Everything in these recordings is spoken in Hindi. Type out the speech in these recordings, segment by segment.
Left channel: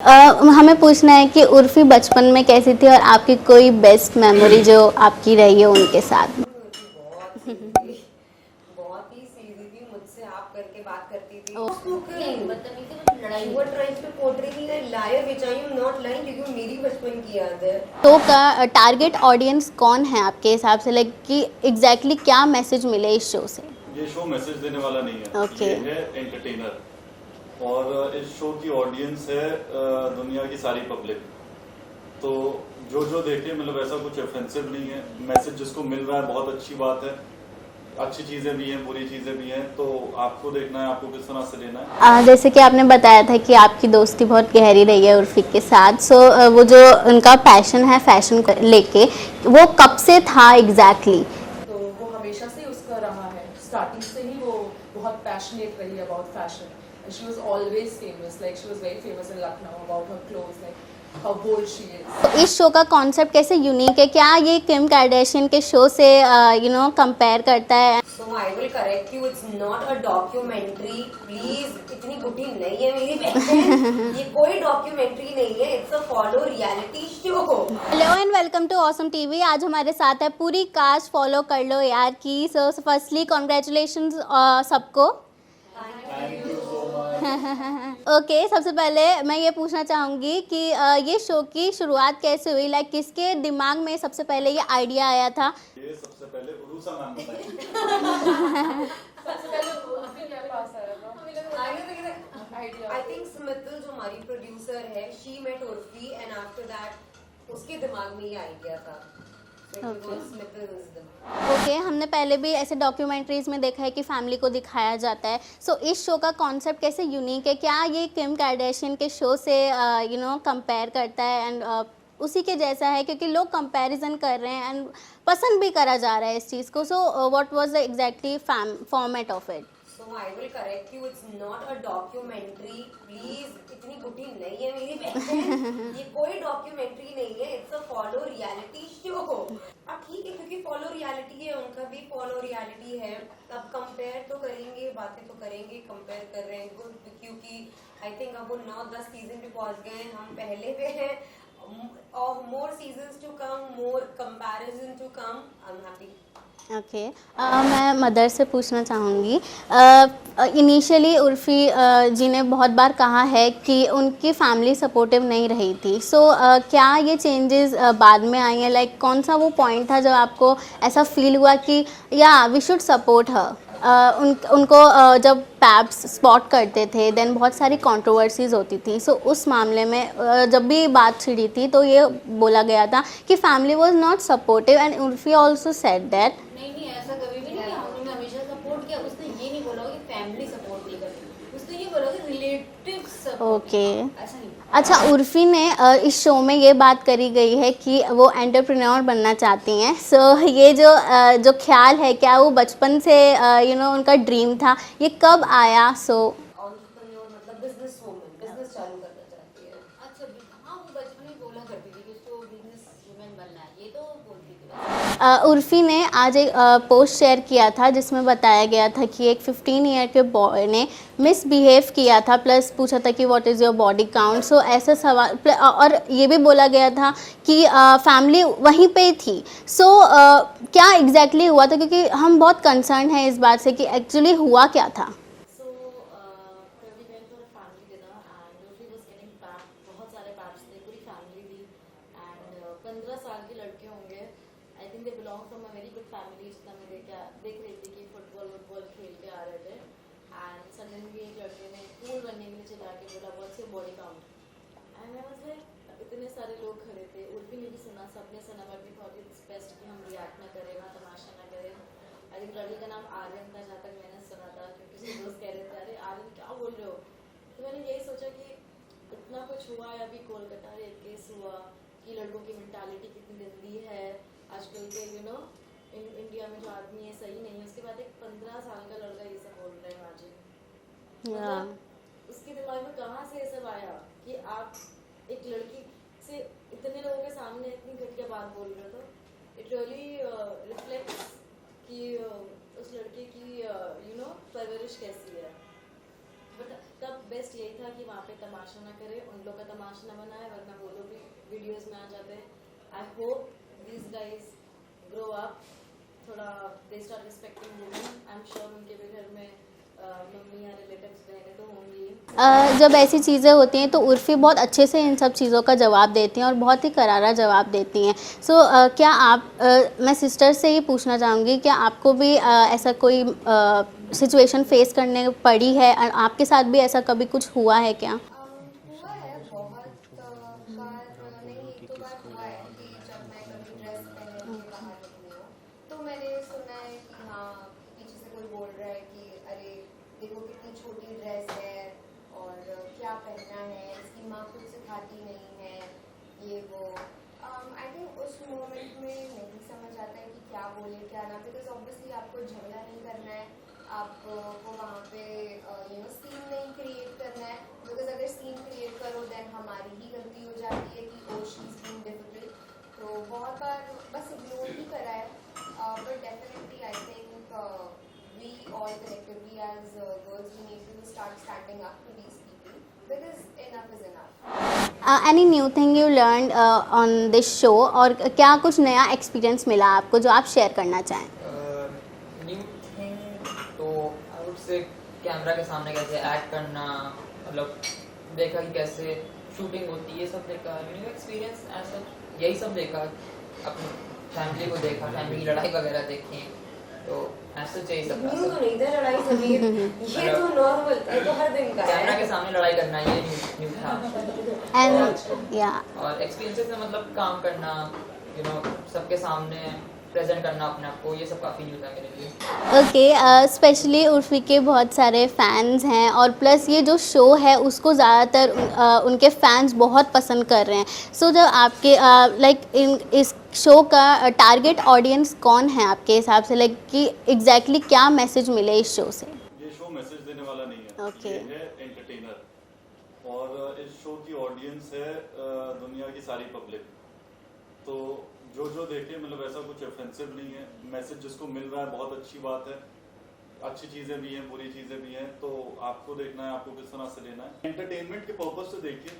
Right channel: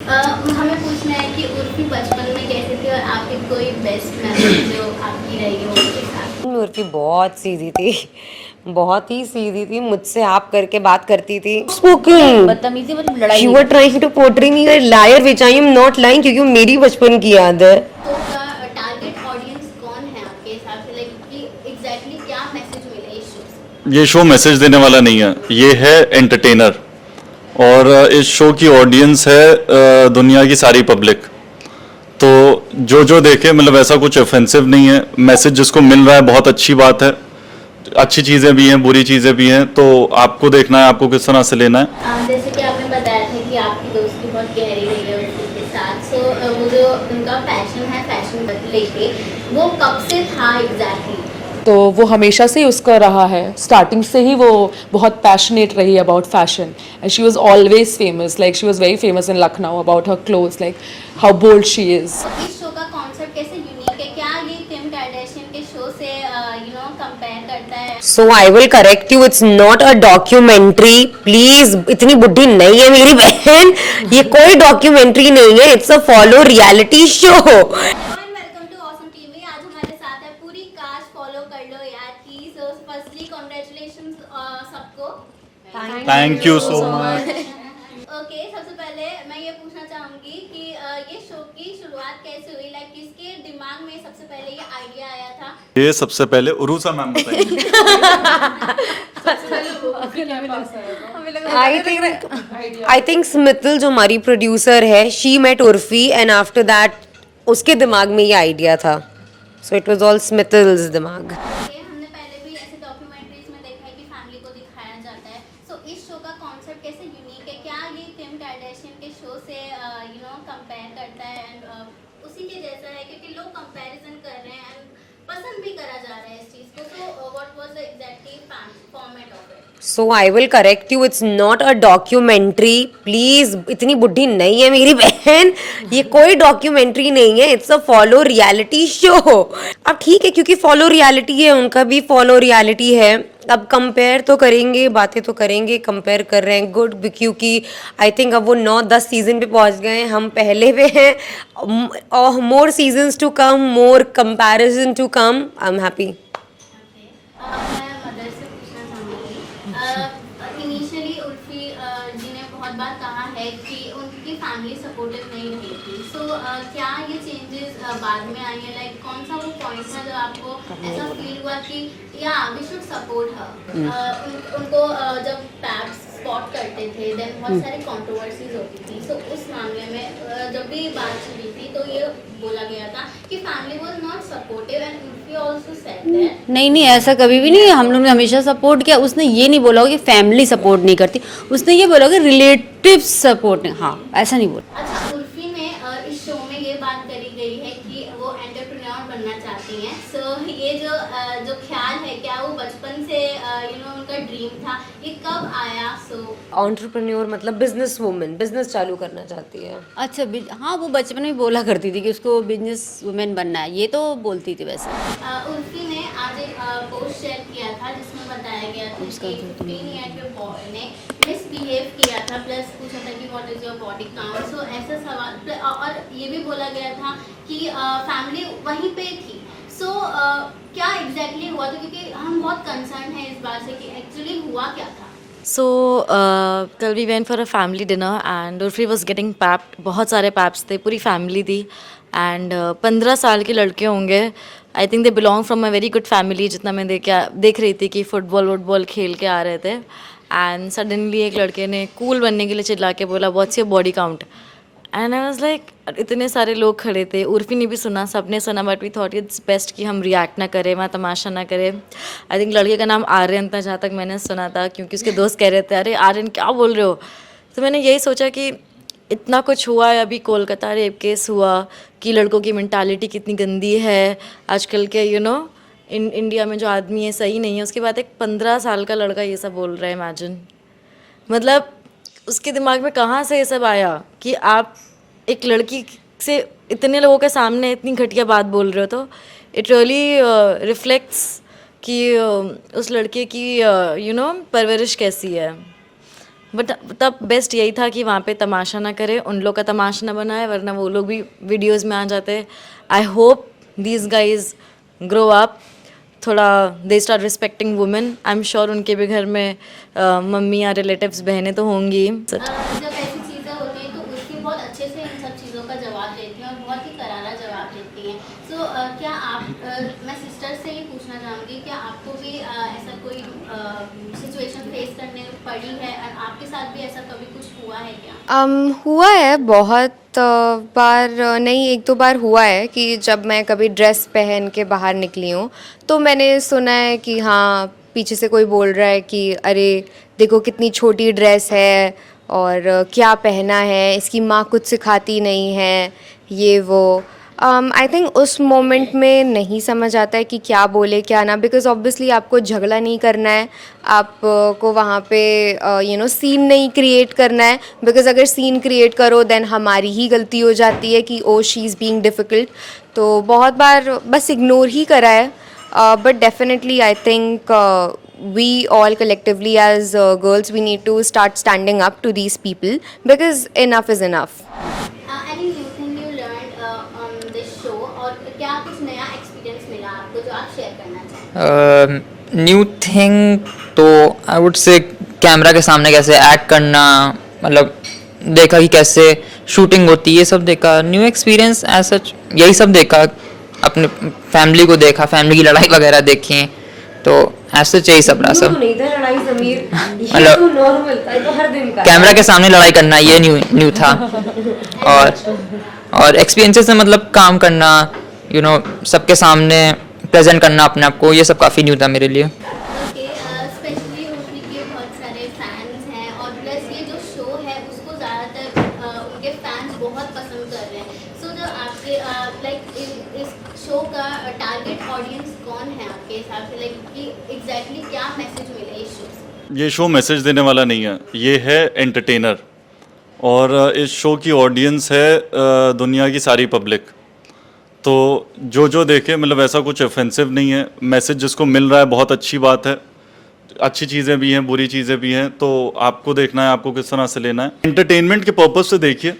हमें पूछना है कि उर्फी बचपन में कैसी थी और आपकी कोई बेस्ट मेमोरी जो आपकी रही है उनके साथ। उर्फी बहुत सीधी थी, बहुत ही सीधी थी। मुझसे आप करके बात करती थी। स्पोकन बदतमीजी मतलब लड़ाई यू नहीं are trying to portray me a liar which I am not lying, क्योंकि वो मेरी बचपन की याद है। शो का टारगेट ऑडियंस कौन है आपके हिसाब से, लाइक कि एग्जैक्टली क्या मैसेज मिले इस शो से? ये शो मैसेज देने वाला नहीं है, ये है एंटरटेनर। और इस शो की ऑडियंस है दुनिया की सारी पब्लिक। तो जो जो देखे, मतलब ऐसा कुछ ऑफेंसिव नहीं है। मैसेज जिसको मिल रहा है बहुत अच्छी बात है। अच्छी चीज़ें भी हैं, बुरी चीज़ें भी हैं, तो आपको देखना है आपको किस तरह से लेना है। जैसे कि आपने बताया था कि आपकी दोस्ती बहुत गहरी रही है उर्फी के साथ, सो वो जो उनका पैशन है फैशन लेके, वो कब से था एग्जैक्टली? तो वो हमेशा से ही उसका रहा है, स्टार्टिंग से ही वो बहुत पैशनेट रही about fashion and she was always famous, like she was very famous in Lucknow about her clothes, like how bold she is. तो इस शो का कॉन्सेप्ट कैसे यूनिक है? क्या ये किम कार्दाशियन के शो से कंपेयर करता है? So I will correct you, it's not a documentary. Please, इतनी बुढ़ी नहीं है मेरी बहन। ये कोई डॉक्यूमेंट्री नहीं है, it's a follow reality show. Hello and welcome to awesome TV. आज हमारे साथ है पूरी कास्ट फॉलो कर लो यार की। सो फर्स्टली कॉन्ग्रेचुलेशन सबको। Thank you so much. Okay, सबसे पहले मैं ये पूछना चाहूँगी कि ये शो की शुरुआत कैसे हुई? लाइक किसके दिमाग में सबसे पहले ये आइडिया आया था? ये सबसे पहले उरूसा मैम बताइए। आई थिंक स्मितल जो हमारी प्रोड्यूसर है, she met Urfi and after that उसके दिमाग में ये आइडिया था। So it was all Smital's दिमाग। ओके, हमने पहले भी ऐसे डॉक्यूमेंट्रीज में देखा है कि फैमिली को दिखाया जाता है। सो इस शो का कॉन्सेप्ट कैसे यूनिक है? क्या ये किम कार्दाशियन के शो से कंपेयर करता है एंड उसी के जैसा है? क्योंकि लोग कंपैरिजन कर रहे हैं एंड पसंद भी करा जा रहा है इस चीज़ को। So what was the exactly format of it? So I will correct you, it's not a documentary. Please, इतनी बुढ़ी नहीं है मेरी बहन। ये कोई डॉक्यूमेंट्री नहीं है, it's a follow reality show. अब ठीक है, क्योंकि फॉलो रियलिटी है, उनका भी फॉलो रियलिटी है। अब कंपेयर तो करेंगे, बातें तो करेंगे, कंपेयर कर रहे हैं, गुड, क्योंकि आई थिंक अब वो 9-10 सीजन पे पहुंच गए हैं, हम पहले पे हैं। More seasons to come, more comparison to come. I am happy. Okay, मैं मदर से पूछना चाहूँगी। इनिशियली उर्फी जी ने बहुत बार कहा है कि उनकी फैमिली सपोर्टिव नहीं रही थी। सो क्या ये चेंजेस बाद में आई हैं? लाइक कौन सा वो पॉइंट था जब आपको ऐसा फील हुआ कि या वी शुड सपोर्ट हर? उनको जब पैप्स स्पॉट करते थे देन बहुत सारी कंट्रोवर्सीज होती थी। सो उस मामले में जब भी बात छिड़ी थी तो ये बोला गया था कि family was not supportive and Urfi also said that. नहीं नहीं, ऐसा कभी भी नहीं है। हम लोग ने हमेशा सपोर्ट किया। उसने ये नहीं बोला होगा कि फैमिली सपोर्ट नहीं करती, उसने ये बोला होगा रिलेटिव सपोर्ट नहीं। हाँ, ऐसा नहीं बोला। अच्छा, उर्फी ने इस शो में ये बात करी गई है कि वो एंटरप्रेन्योर बनना चाहती हैं। सो ये जो ख्याल है, क्या वो बचपन से उनका ड्रीम था? ये कब आया? एंटरप्रेन्योर मतलब बिजनेस वुमन, बिजनेस चालू करना चाहती है। अच्छा, हाँ, वो बचपन में बोला करती थी कि उसको बिजनेस वुमेन बनना है, ये तो बोलती थी वैसे। उर्फी ने आज एक पोस्ट शेयर किया था जिसमें बताया गया था कि एक 15 ईयर के बॉय ने मिसबिहेव किया था, प्लस पूछा था कि what is your body count. So ऐसे सवाल, और ये भी बोला गया था कि फैमिली वहीं पे थी। सो क्या एग्जैक्टली हुआ था? क्योंकि हम बहुत कंसर्न हैं इस बात से कि एक्चुअली हुआ क्या था। सो कल we went for a family dinner and Urfi was getting papped. बहुत सारे पैप्स थे, पूरी फैमिली थी एंड 15 साल के लड़के होंगे। I think they belong from a very good family, जितना मैं देख रही थी कि फुटबॉल खेल के आ रहे थे। एंड सडनली एक लड़के ने कूल बनने के लिए चिल्ला के बोला what's your body count. And I was like, इतने सारे लोग खड़े थे, उर्फी ने भी सुना, सबने सुना, but we thought it's best कि हम रिएक्ट ना करें, वहाँ तमाशा ना करें। आई थिंक लड़के का नाम आर्यन था, जहाँ तक मैंने सुना था, क्योंकि उसके दोस्त कह रहे थे अरे आर्यन क्या बोल रहे हो। तो मैंने यही सोचा कि इतना कुछ हुआ है, अभी कोलकाता रेप केस हुआ, कि लड़कों की मेंटालिटी कितनी गंदी है आजकल के इंडिया में जो आदमी है सही नहीं है। उसके बाद एक 15 साल का लड़का ये सब बोल रहा है, इमेजिन। मतलब उसके दिमाग में कहाँ से ये सब आया कि आप एक लड़की से इतने लोगों के सामने इतनी घटिया बात बोल रहे हो। तो इट रियली रिफ्लेक्ट्स कि उस लड़के की परवरिश कैसी है। बट तब बेस्ट यही था कि वहाँ पे तमाशा ना करे, उन लोग का तमाशा ना बनाए, वरना वो लोग भी वीडियोज़ में आ जाते। I hope these guys grow up, थोड़ा दे start respecting women. I am sure उनके भी घर में मम्मी या रिलेटिव्स बहनें तो होंगी। जब ऐसी चीज़ें होती हैं तो उर्फ़ी बहुत अच्छे से इन सब चीज़ों का जवाब देती हैं और बहुत ही करारा जवाब देती हैं। सो क्या आप मैं सिस्टर से ही पूछना चाहूँगी, क्या आपको भी ऐसा कोई सिचुएशन फेस करने पड़ी है? आपके साथ भी ऐसा कभी कुछ हुआ है क्या? हुआ है बहुत बार, नहीं एक दो बार हुआ है कि जब मैं कभी ड्रेस पहन के बाहर निकली हूँ तो मैंने सुना है कि हाँ पीछे से कोई बोल रहा है कि अरे देखो कितनी छोटी ड्रेस है और क्या पहना है, इसकी माँ कुछ सिखाती नहीं है, ये वो। आई थिंक उस मोमेंट में नहीं समझ आता है कि क्या बोले क्या ना, बिकॉज ऑब्वियसली आपको झगड़ा नहीं करना है, आपको वहाँ पे सीन नहीं क्रिएट करना है, बिकॉज अगर सीन क्रिएट करो देन हमारी ही गलती हो जाती है कि oh she is being difficult. तो बहुत बार बस इग्नोर ही करा है, but definitely I think we all collectively as girls we need to start standing up to these people because enough is enough. Any new thing you learned on this show, और क्या कुछ नया एक्सपीरियंस मिला आपको जो आप शेयर करना चाहें? न्यू थिंग तो आई वुड से कैमरा के सामने कैसे एक्ट करना, मतलब देखा कि कैसे शूटिंग होती है, ये सब देखा। न्यू एक्सपीरियंस एज सच यही सब देखा, अपने फैमिली को देखा, फैमिली की लड़ाई वगैरह देखी, तो ऐसे यही सब रहा सब। नहीं था लड़ाई समीर, ये मतलब तो नॉर्मल था, ये तो हर दिन का। कैमरा के सामने लड़ाई करना ये न्यू था। और एक्सपीरियंसेस से मतलब काम करना, सबके सामने प्रेजेंट करना अपने आप को, ये सब काफ़ी न्यू था मेरे लिए। ओके, स्पेशली उर्फ़ी के बहुत सारे फैंस हैं और प्लस ये जो शो है उसको ज़्यादातर उनके फैंस बहुत पसंद कर रहे हैं। सो जब आपके इस शो का टारगेट ऑडियंस कौन है आपके हिसाब से, कि एग्जैक्टली क्या मैसेज मिले इस शो से? ये शो मैसेज देने वाला नहीं है, ये है एंटरटेनर। और इस शो की ऑडियंस है दुनिया की सारी पब्लिक। तो जो देखे, मतलब ऐसा कुछ ऑफेंसिव नहीं है, मैसेज जिसको मिल रहा है बहुत अच्छी बात है। अच्छी चीज़ें भी हैं, बुरी चीज़ें भी हैं, तो आपको देखना है आपको किस तरह से लेना है। एंटरटेनमेंट के पर्पज़ से देखिए,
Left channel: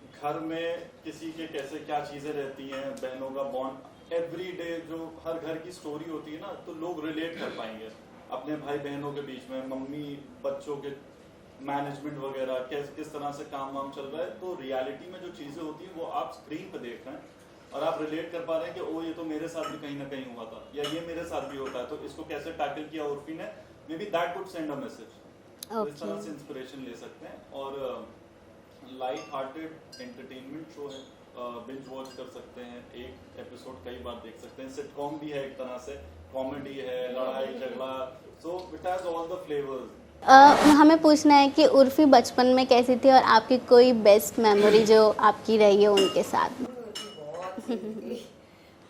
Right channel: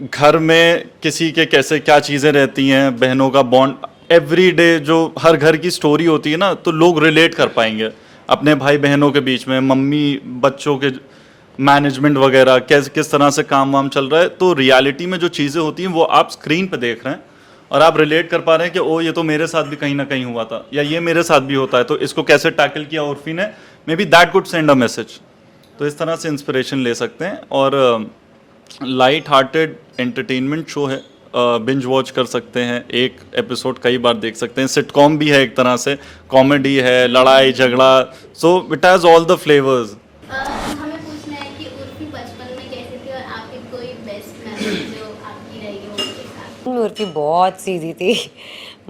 घर में किसी के कैसे क्या चीज़ें रहती हैं, बहनों का बॉन्ड, एवरीडे जो हर घर की स्टोरी होती है ना, तो लोग रिलेट कर पाएंगे अपने भाई बहनों के बीच में, मम्मी बच्चों के मैनेजमेंट वगैरह, किस तरह से काम वाम चल रहा है। तो रियलिटी में जो चीज़ें होती हैं वो आप स्क्रीन पे देख रहे हैं और आप रिलेट कर पा रहे हैं कि ओ ये तो मेरे साथ भी कहीं ना कहीं हुआ था, या ये मेरे साथ भी होता है, तो इसको कैसे टैकल किया उर्फी ने, may be that could send a message. तो इस तरह से इंस्पिरेशन ले सकते हैं। और लाइट हार्टेड एंटरटेनमेंट शो है, बिंज वॉच कर सकते हैं, एक एपिसोड कई बार देख सकते हैं। सिटकॉम भी है एक तरह से, कॉमेडी है, लड़ाई झगड़ा, so it has all the flavours. हमें पूछना है कि उर्फ़ी बचपन में कैसी थी और आपकी कोई बेस्ट मेमोरी जो आपकी रही है उनके साथ? उर्फी बहुत सीधी थी,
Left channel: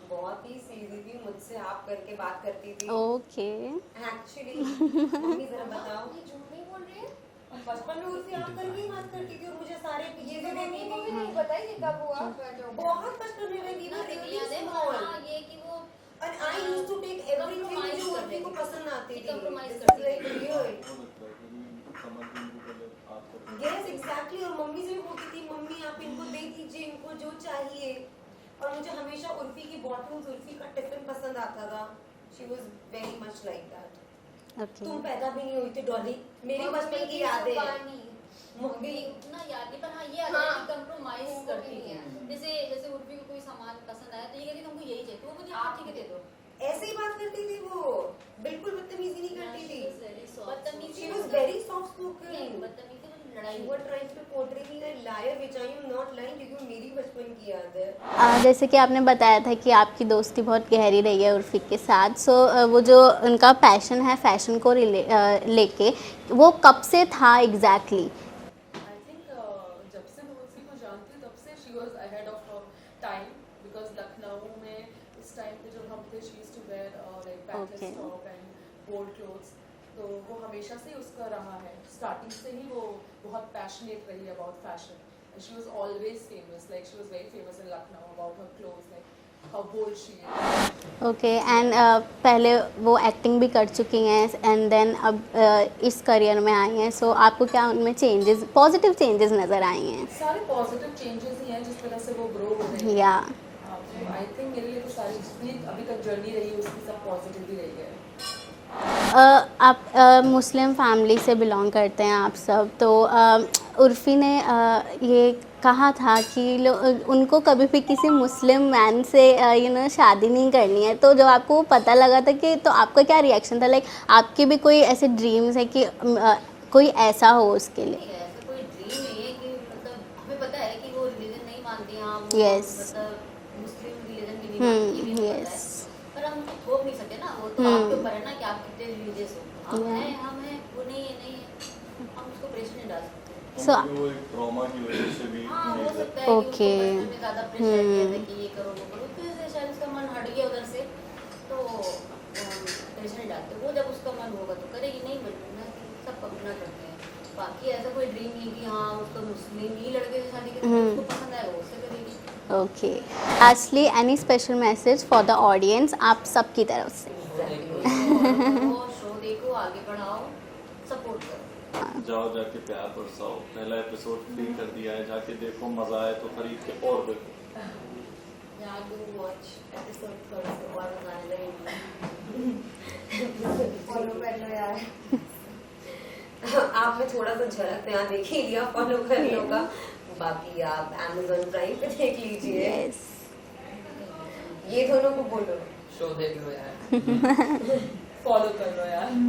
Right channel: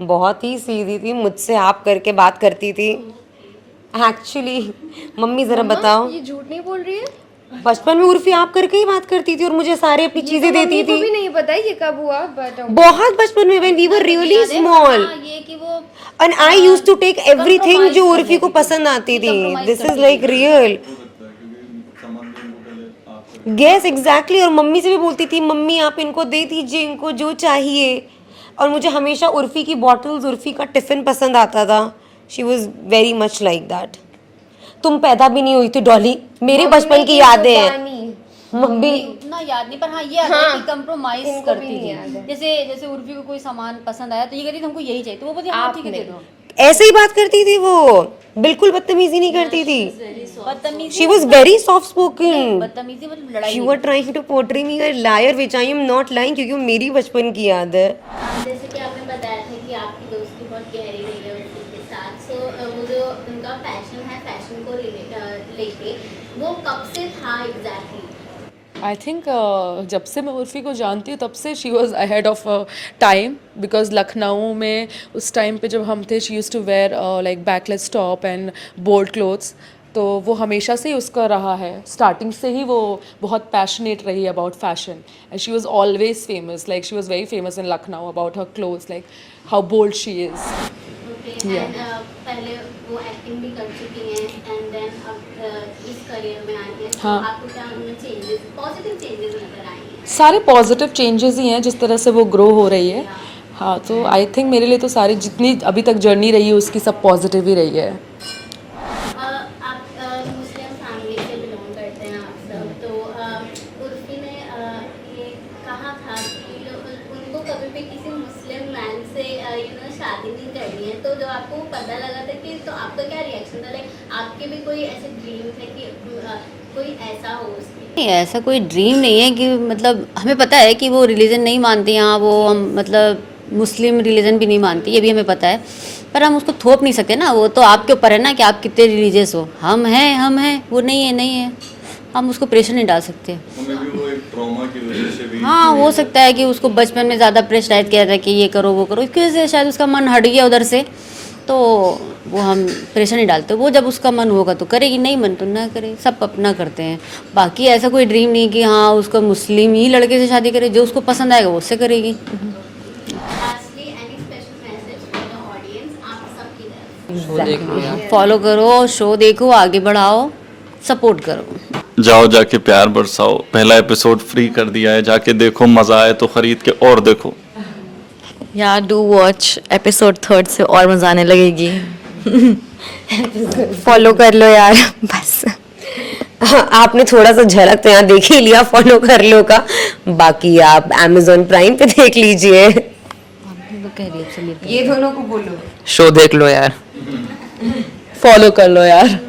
बहुत ही सीधी थी, मुझसे आप करके बात करती थी। ओके, एक्चुअली मम्मी जरा बताओ, ये झूठ नहीं बोल रही है? बचपन में उर्फी आप करके ही बात करती थी और मुझे सारी अपनी चीजें देती भी थी। नहीं पता है ये कब हुआ, बट बहुत बचपन में, when we were really small, ये कि वो and I used to take everything जो उर्फी को पसंद आती थी। This is like real. Yes, exactly। और मम्मी से भी बोलती थी, मम्मी आप इनको दे दीजिए, इनको जो चाहिए। और मुझे हमेशा उर्फी की बॉटल्स, उर्फी का टिफिन पसंद आता था। She was very much like that। तुम पैदा भी नहीं हुई थी डॉली, मेरे बचपन की यादें हैं। मम्मी उतना याद नहीं, पर हाँ ये आता है कि कंप्रोमाइज करती थी। जैसे उर्फी को कोई सामान पसंद आया तो ये कहती थी हमको यही चाहिए, तो वो बोलती हाँ ठीक है दे दो। ऐसे ही बात करती थी वो, बिल्कुल बदतमीजी नहीं करती थी। बदतमीजी, She was very soft spoken। बदतमीजी मतलब लड़ाई। You were trying to portray me a liar, which I am not lying, क्योंकि वो मेरी बचपन की याद है। जैसे कि आपने बताया था कि आपकी दोस्ती बहुत गहरी रही है उर्फी के साथ। सो वो जो उनका पैशन है फैशन को लेके, वो कब से था एग्जैक्टली? आई थिंक जब से मैं उर्फी को जानती हूँ तब से she was ahead of time, because Lucknow में उस टाइम पे जब हम थे she used to wear like backless top and bold clothes, तो वो हमेशा से ही उसका रहा है। स्टार्टिंग से ही वो बहुत पैशनेट रही about fashion and she was always famous, like she was very famous in Lucknow about her clothes, like how bold she is. Okay and पहले वो एक्टिंग भी कर चुकी हैं एंड देन अब इस करियर में आई हैं, सो आपको क्या उनमें चेंजेस, पॉजिटिव चेंजेस नज़र आए हैं? सारे पॉजिटिव चेंजेस ही हैं जिस तरह से वो ग्रो हो रही है। Yeah. हाँ, तो आई थिंक मेरे लिए तो सारी जितनी अभी तक जर्नी रही है उसकी सब पॉजिटिव ही रही है। आप मुस्लिम फैमिली से बिलोंग करते हैं आप सब, तो उर्फ़ी ने ये कहा था कि उनको कभी भी किसी मुस्लिम मैन से शादी नहीं करनी है, तो जब आपको पता लगा था कि, तो आपका क्या रिएक्शन था? लाइक आपकी भी कोई ऐसे ड्रीम्स है कि कोई ऐसा हो उसके लिए? नहीं, ऐसा कोई ड्रीम नहीं है कि मतलब हमें पता है कि वो रिलीजन नहीं मानती हैं, वो हम मतलब मुस्लिम रिलीजन भी नहीं मानती, ये भी हमें पता है, पर हम उसको थोप नहीं सकते ना, वो तो आपके ऊपर है ना कि आप कितने रिलीजियस हो। हम हैं, वो नहीं है, हम उसको प्रेशर नहीं डाल सकते। हाँ, हो सकता है कि उसको बचपन में ज़्यादा प्रेशराइज किया था कि ये करो वो करो, इसकी वजह से शायद उसका मन हट गया उधर से, तो वो हम प्रेशर नहीं डालते। वो जब उसका मन होगा तो करेगी, नहीं मन तो ना करे, सब अपना करते हैं। बाकी ऐसा कोई ड्रीम नहीं कि हाँ उसको मुस्लिम ही लड़के से शादी करे, जो उसको पसंद आएगा वो उससे करेगी। Okay, lastly any special message for the audience आप सबकी तरफ से? फॉलो करो, शो देखो, आगे बढ़ाओ, सपोर्ट करो। जाओ जाके प्यार बरसाओ, पहला एपिसोड फ्री कर दिया है, जाके देखो, मजा आए तो खरीद के और देखो। या डू वॉच एपिसोड 3 से और मजा आने लगेगी। फॉलो कर लो यार बस। आपने थोड़ा सा झलक तो यहाँ देख ही लिया फॉलो कर लो का, बाकी आप Amazon प्राइम पे देख लीजिए। ये दोनों को बोलो, शो देख लो यार। फॉलो कर लो यार।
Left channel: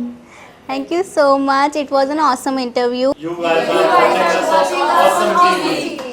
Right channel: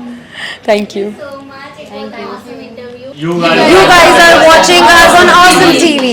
Thank you so much. It was an awesome interview. you guys are watching us on Awesome TV.